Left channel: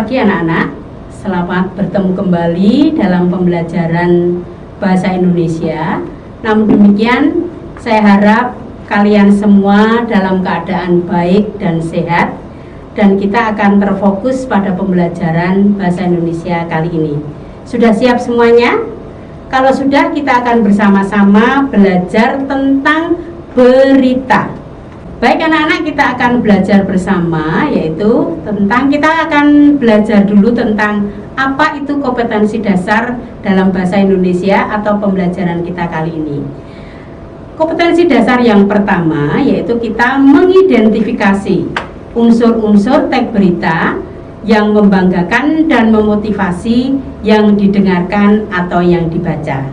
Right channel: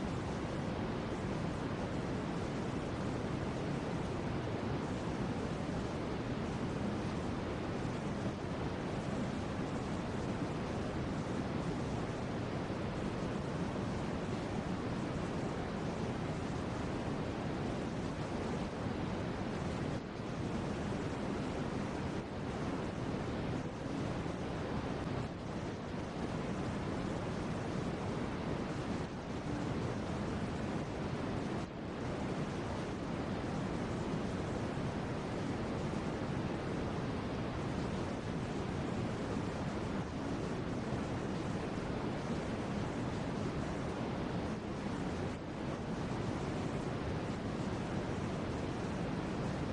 pagi anak-anak, selamat bertemu kembali dalam pembelajaran Bahasa Indonesia. Namun demikian, saya harap kalian semua dalam keadaan baik dan sehat, dan kita akan terfokus pada pembelajaran Bahasa Indonesia kali ini. Sudah siap semuanya? Kalau sudah, kita akan bersama-sama belajar tentang berita. Baik anak-anak, kita akan belajar bersama, yaitu kita akan belajar dulu tentang apa itu kompetensi dasar dalam bahasa Indonesia atau pembelajaran kita kali ini. Kompetensi dasar yang pertama yaitu kita mengidentifikasi unsur-unsur teks berita yang membanggakan dan memotivasi yang didengarkan atau yang dibaca.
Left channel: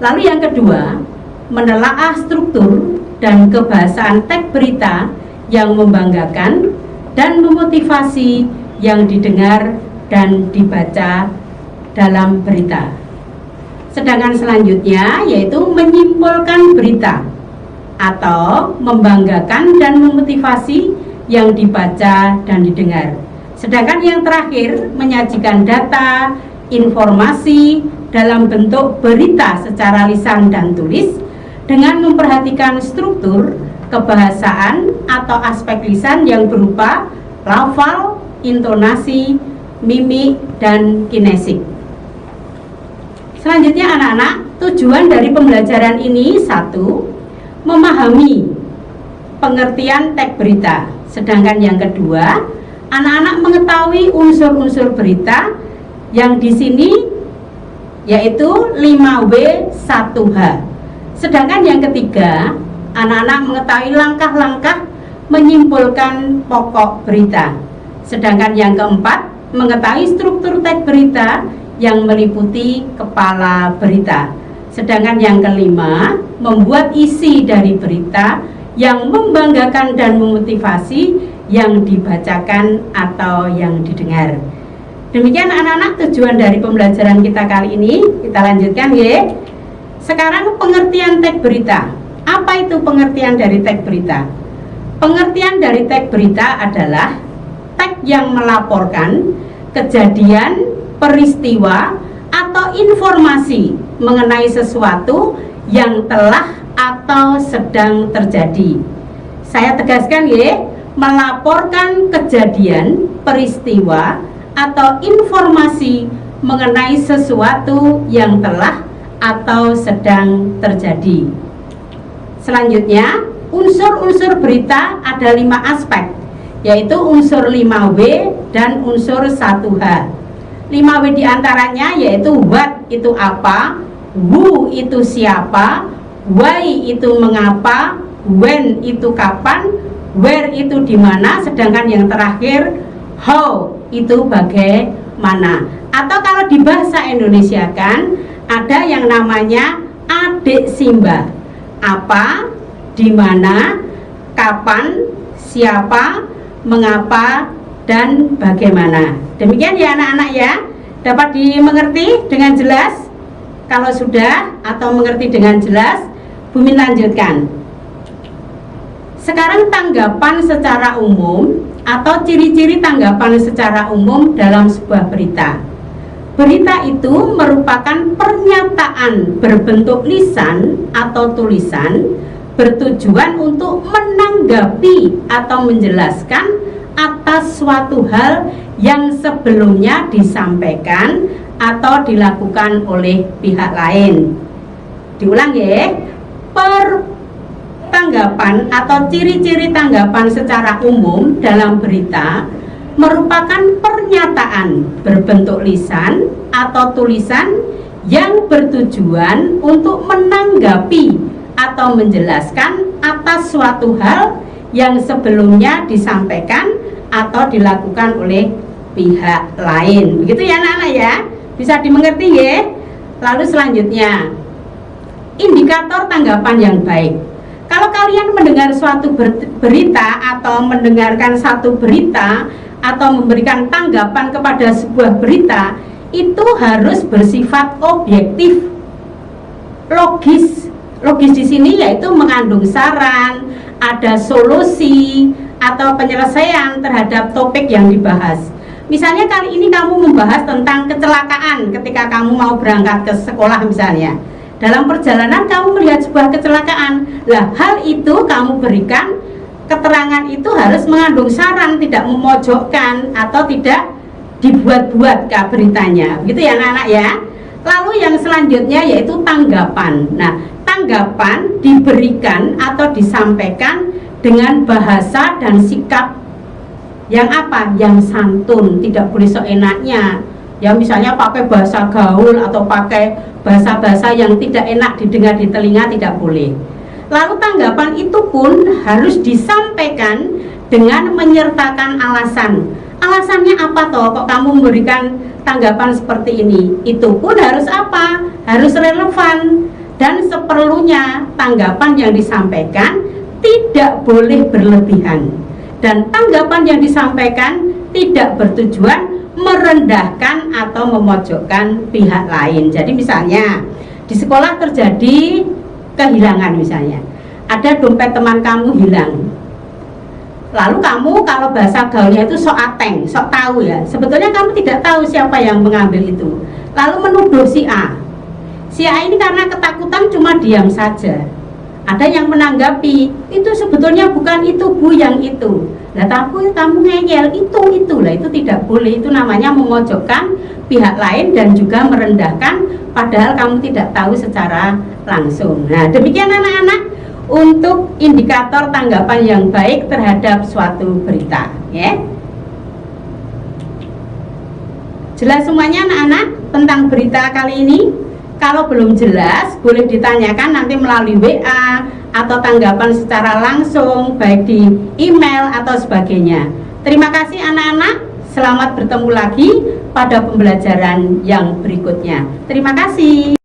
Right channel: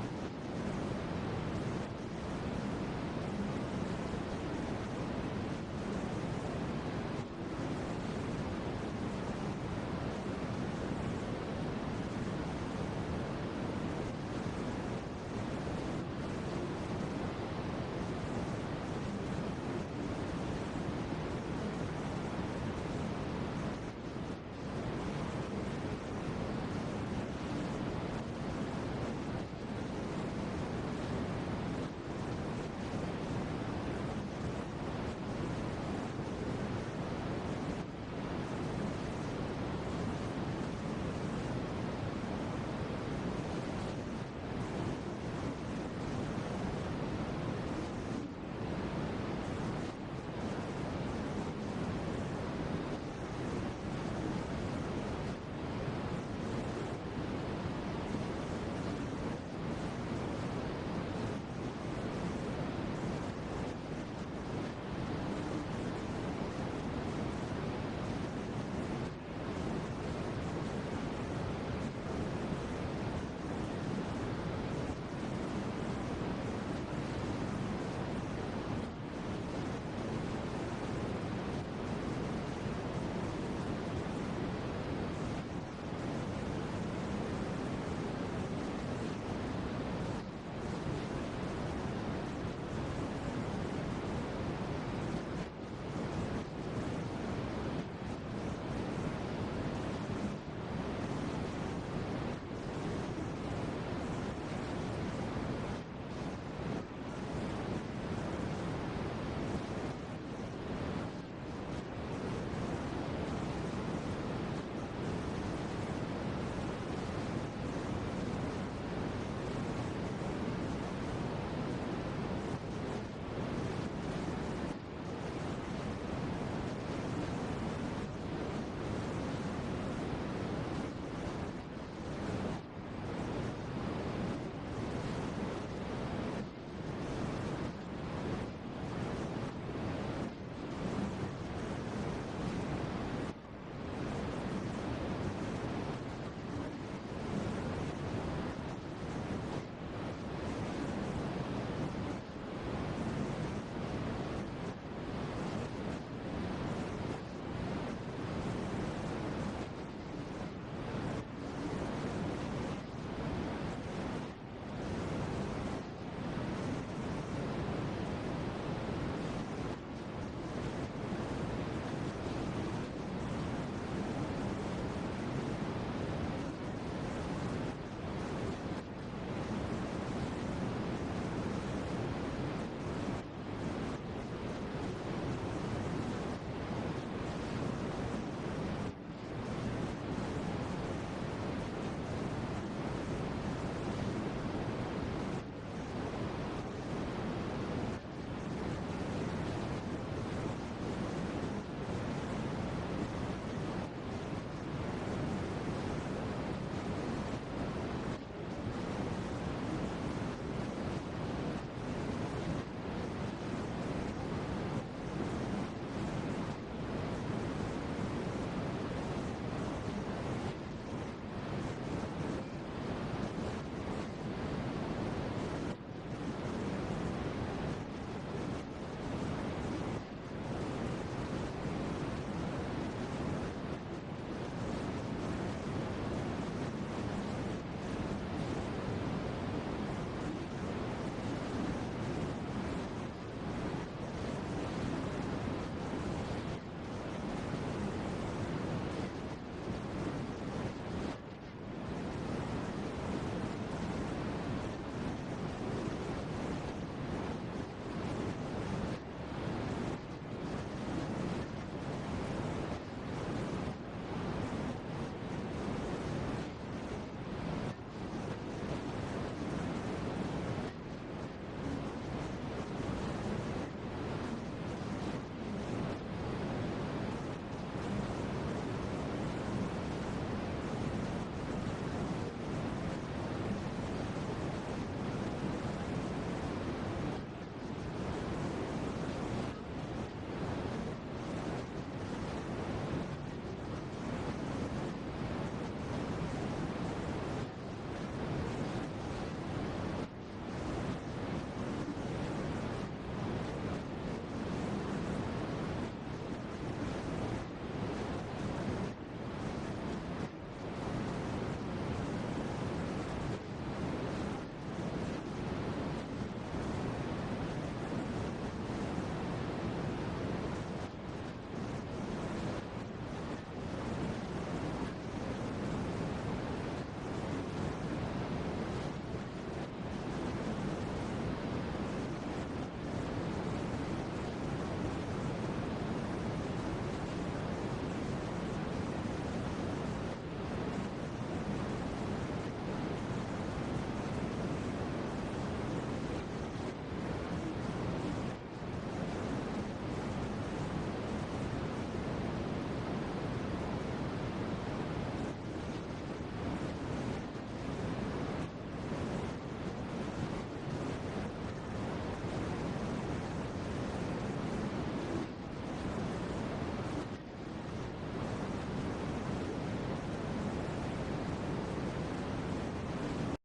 Lalu yang kedua, menelaah struktur dan kebahasaan teks berita yang membanggakan dan memotivasi yang didengar dan dibaca dalam berita. Sedangkan selanjutnya yaitu menyimpulkan berita atau membanggakan dan memotivasi yang dibaca dan didengar. Sedangkan yang terakhir menyajikan data, informasi dalam bentuk berita secara lisan dan tulis dengan memperhatikan struktur, kebahasaan atau aspek lisan yang berupa lafal, intonasi, mimik, dan kinesik. Selanjutnya anak-anak, tujuan dari pembelajaran ini satu, memahami pengertian teks berita. Sedangkan yang kedua, anak-anak mengetahui unsur-unsur berita yang di sini yaitu 5W1H. Sedangkan yang ketiga, anak-anak mengetahui langkah-langkah menyimpulkan pokok berita. Sedangkan yang keempat, mengetahui struktur teks berita yang meliputi kepala berita. Sedangkan yang kelima, membuat isi dari berita yang membanggakan dan memotivasi yang dibacakan atau yang didengar. Demikian anak-anak tujuan dari pembelajaran kita kali ini. Kita lanjutkan ya. Sekarang pengertian teks berita. Apa itu pengertian dari teks berita? Pengertian dari teks berita adalah teks yang melaporkan kejadian, peristiwa, atau informasi mengenai sesuatu yang telah atau sedang terjadi. Saya tegaskan ya, melaporkan kejadian, peristiwa, atau informasi mengenai sesuatu yang telah atau sedang terjadi. Selanjutnya, unsur-unsur berita ada 5 aspek, yaitu unsur 5W dan unsur 1H. 5W diantaranya yaitu what itu apa, who itu siapa, why itu mengapa, when itu kapan, where itu di mana, sedangkan yang terakhir how itu bagaimana. Atau kalau di bahasa Indonesia kan ada yang namanya adik Simba. Apa, di mana, kapan, siapa, mengapa, dan bagaimana. Demikian ya anak-anak ya. Dapat dimengerti dengan jelas? Kalau sudah atau mengerti dengan jelas, Bumi lanjutkan. Sekarang tanggapan secara umum atau ciri-ciri tanggapan secara umum dalam sebuah berita. Berita itu merupakan pernyataan berbentuk lisan atau tulisan bertujuan untuk menanggapi atau menjelaskan atas suatu hal yang sebelumnya disampaikan atau dilakukan oleh pihak lain. Diulang ya, tanggapan atau ciri-ciri tanggapan secara umum dalam berita merupakan pernyataan berbentuk lisan atau tulisan yang bertujuan untuk menanggapi atau menjelaskan atas suatu hal yang sebelumnya disampaikan atau dilakukan oleh pihak lain. Begitu ya anak-anak ya, bisa dimengerti ya. Lalu selanjutnya, indikator tanggapan yang baik. Kalau kalian mendengar suatu berita atau mendengarkan satu berita atau memberikan tanggapan kepada sebuah berita, itu harus bersifat objektif, logis. Logis di sini yaitu mengandung saran, ada solusi atau penyelesaian terhadap topik yang dibahas. Misalnya kali ini kamu membahas tentang kecelakaan ketika kamu mau berangkat ke sekolah misalnya. Dalam perjalanan kamu melihat sebuah kecelakaan. Lah, hal itu kamu berikan keterangan itu harus mengandung saran, tidak memojokkan atau tidak dibuat-buat beritanya. Begitu ya anak-anak ya. Lalu yang selanjutnya yaitu tanggapan. Nah, tanggapan diberikan atau disampaikan dengan bahasa dan sikap yang apa? Yang santun, tidak boleh seenaknya. Ya misalnya pakai bahasa gaul atau pakai bahasa-bahasa yang tidak enak didengar di telinga, tidak boleh. Lalu tanggapan itu pun harus disampaikan dengan menyertakan alasan. Alasannya apa toh kok kamu memberikan tanggapan seperti ini? Itu pun harus apa? Harus relevan. Dan seperlunya tanggapan yang disampaikan tidak boleh berlebihan. Dan tanggapan yang disampaikan tidak bertujuan merendahkan atau memojokkan pihak lain. Jadi misalnya di sekolah terjadi kehilangan misalnya, ada dompet teman kamu hilang. Lalu kamu kalau bahasa gaulnya itu sok ateng, sok tahu ya. Sebetulnya kamu tidak tahu siapa yang mengambil itu. Lalu menuduh si A. Si A ini karena ketakutan cuma diam saja. Ada yang menanggapi, itu sebetulnya bukan itu Bu yang itu. Nah, tapi kamu ngeyel itu lah, itu tidak boleh. Itu namanya memojokkan pihak lain dan juga merendahkan padahal kamu tidak tahu secara langsung. Nah, demikian anak-anak untuk indikator tanggapan yang baik terhadap suatu berita, ya. Jelas semuanya anak-anak tentang berita kali ini? Kalau belum jelas, boleh ditanyakan nanti melalui WA atau tanggapan secara langsung, baik di email atau sebagainya. Terima kasih anak-anak, selamat bertemu lagi pada pembelajaran yang berikutnya. Terima kasih.